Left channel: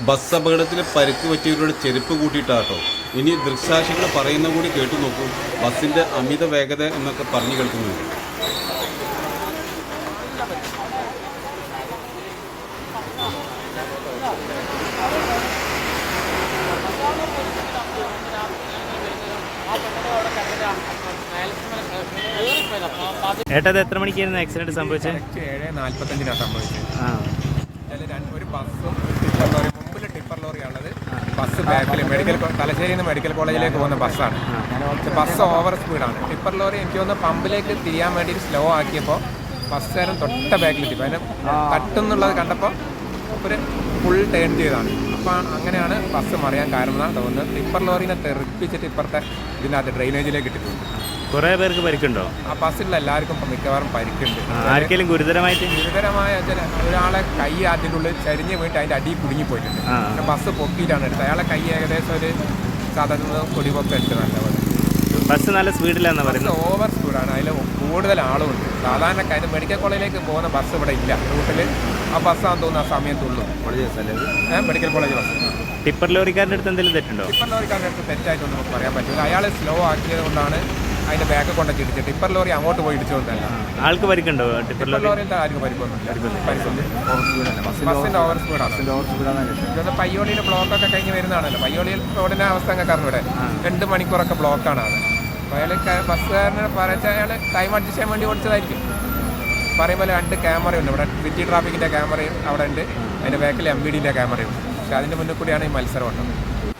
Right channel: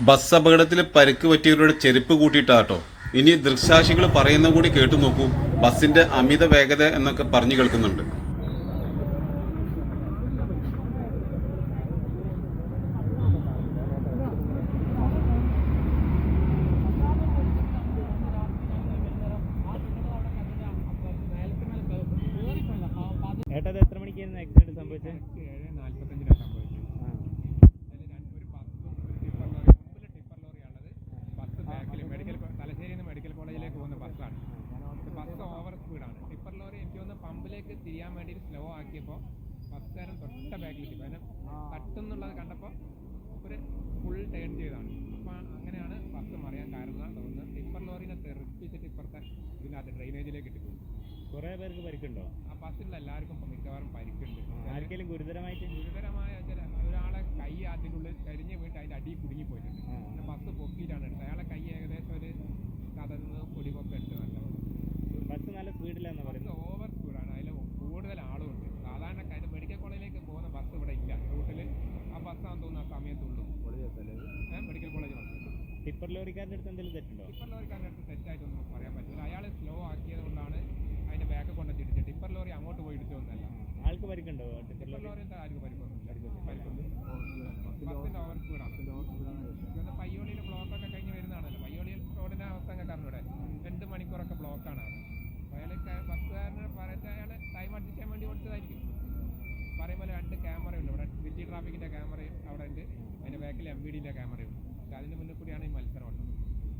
Bus അപകടത്തിൽ പരിക്ക് പറ്റിയവരുടെ ചെരുപ്പ് കൂട്ടിയിട്ടാട്ടോ. ഇനി ദൃക്സാക്ഷികൾ പറയുന്ന കൂടി കേട്ടു നോക്കൂ. ബസ്സിന്റെ അമിത വേഗത എന്നൊക്കെ പറഞ്ഞു കേൾക്കുന്നുണ്ട്. ഏട്ടാ എത്ര മണിക്കായിരുന്നു ആക്സിഡന്റ് സംഭവിച്ചത്? ഏഴ് നാൽപ്പത്തഞ്ചിനാണ് സംഭവിച്ചത്. ആ. ഒരു ബസ്സും ടിപ്പർ ലോറി മുമ്പിൽ ടിപ്പർ ലോറിയാണുള്ളത് ബസ് ബാക്കിൽ മെഡിക്കൽ തലശ്ശേരി നിന്ന് മെഡിക്കൽ കോളേജിലേക്ക് പോകുന്ന ബസ്സാണ്. ബസ് ഓവർ സ്പീഡാണ് ടിപ്പർ ലോറി എനിക്ക് തോന്നുന്നു പമ്പിലേക്ക് തിരിയാൻ വേണ്ടി സ്ലോ ആക്കിയപ്പോൾ ബസ്സുകാരൻ തൊട്ട ബാക്കിലെത്തി. അതിന് തട്ടുന്നുള്ളത് കണ്ടപ്പോൾ ഒരു ഫുൾ ടേൺ ചെയ്താണ് അപ്പോൾ അങ്ങനെയാണ് ബസ് മറിയാൻ കാരണം എന്നാണ് തോന്നുന്നത്. ടിപ്പർ ലോറിനെ തെറിപ്പിച്ചിട്ട് ഇപ്പുറത്തെ ഇതിനകത്ത് ഡ്രെയിനേജിലേക്ക് ഇട്ടിട്ടുണ്ട്. കുറേ പേർക്ക് പരിക്കുണ്ടോ? ആ ബസ്സിലുള്ള എല്ലാവർക്കും ഇപ്പം മിക്കവാറും പരിക്കുണ്ട്. ആ, ആർക്കെങ്കിലും ഗുരുതരമായിട്ട്? ഗുരുതരമായ ചില ഒരാളെ കൈ അതിന്റെ ഉള്ളിൽ ചരിഞ്ഞ് വീട്ട് അതിന്റെ അടിയിൽ കുടുങ്ങി പോയിട്ടുണ്ട്. ആ. പിന്നെ ബസ് പൊക്കിയിട്ടാണ് എടുത്തത്. അയാളെ കൈ ഏകദേശം ഒരു സാധാരണ കൊടിപൊക്കെ നല്ല നല്ലപോലെ ബസ് നല്ല സ്പീഡിലാന്നാ ബസ് പറയുന്നത്. ഓവർ സ്പീഡാണ്. അതിൽ കൂടുതൽ ആളുമുണ്ട്. സാധാരണ കാര്യം മെഡിക്കൽ കോളേജിലേക്ക് പോകുന്ന ബസ് ഇവിടെ ഇല്ല. റൂട്ടിൽ ആ ബസ്സാന്ന് തോന്നുന്നു ആ സമയത്തുള്ളൂ. ഏഹ് മെഡിക്കൽ കോളേജ് ബസ്. ടിപ്പർ ലോറിക്കാരന്റെ അടുത്ത് എന്തെങ്കിലും തെറ്റുണ്ടോ? ടിപ്പർ ലോറിക്കാരുടെ അടുത്ത് തെറ്റായിട്ടൊന്നും നമുക്ക് പറയാൻ പറ്റില്ല. അയാൾ സ്ലോ ആക്കിയത് കൊണ്ടാണ് അതിന്റെ ബാക്ക് കൊണ്ടൊക്കെ ഇടിച്ച് ടിപ്പർ ലോറി അങ്ങോട്ട് പോയി ഇടിച്ചുകൊണ്ടല്ല ആൾക്ക് പരിക്കുണ്ടോ? ടിപ്പർ ലോറിന്റെ ആർക്കും പരിക്കൊന്നുമില്ല ഓവർ സ്പീഡാണ് ബ്ലോക്കൊക്കെ കഴിഞ്ഞ് വരുന്നതാണല്ലോ. പയ്യോളിയിൽ റോഡിന്റെ അവസ്ഥ അങ്ങ് കാരണം ഇവിടെ? രണ്ട് മണിക്കൂറൊക്കെ ബ്ലോക്കാണ് അത് അപ്പോൾ അയാൾ ബസ്സുകാരനെ പറഞ്ഞാൽ അയാൾ ടൈം അഡ്ജസ്റ്റ് ചെയ്യാൻ വേണ്ടി ഓടിച്ചതായിരിക്കും. പറയുമ്പോൾ രണ്ട് ക്യാമറയുണ്ട് ഇവിടെ സിറ്റി ട്രാഫിക്കിന്റെ ക്യാമറയും അവിടെ ഉണ്ട്. അതിന്റെ ബാക്കിൽ എം ബി ഡിന്റെ ക്യാമറയും പക്ഷെ അതിന്റെ മുന്നിൽ കൂടിയാണ് ഈ മത്സരം ഉണ്ടത്